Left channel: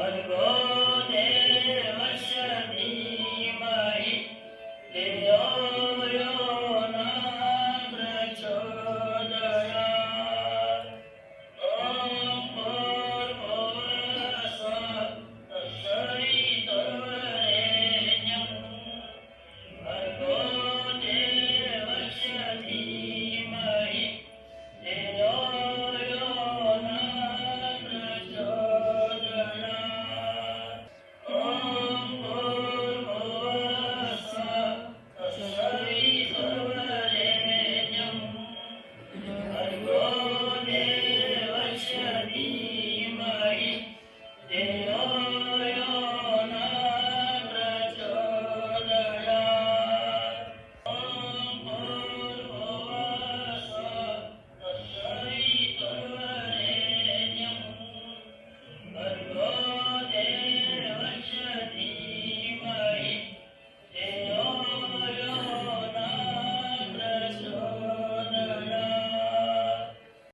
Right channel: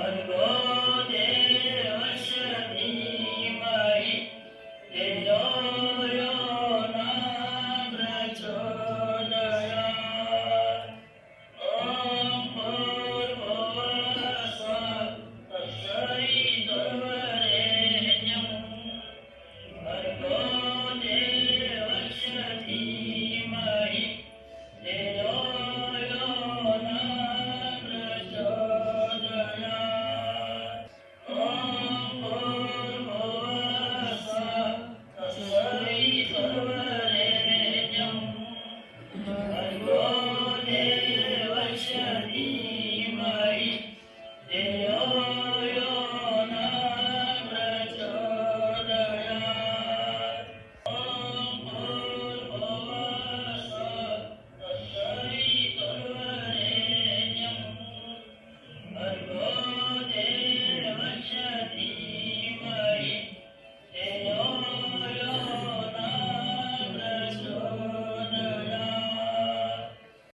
Hari Bol.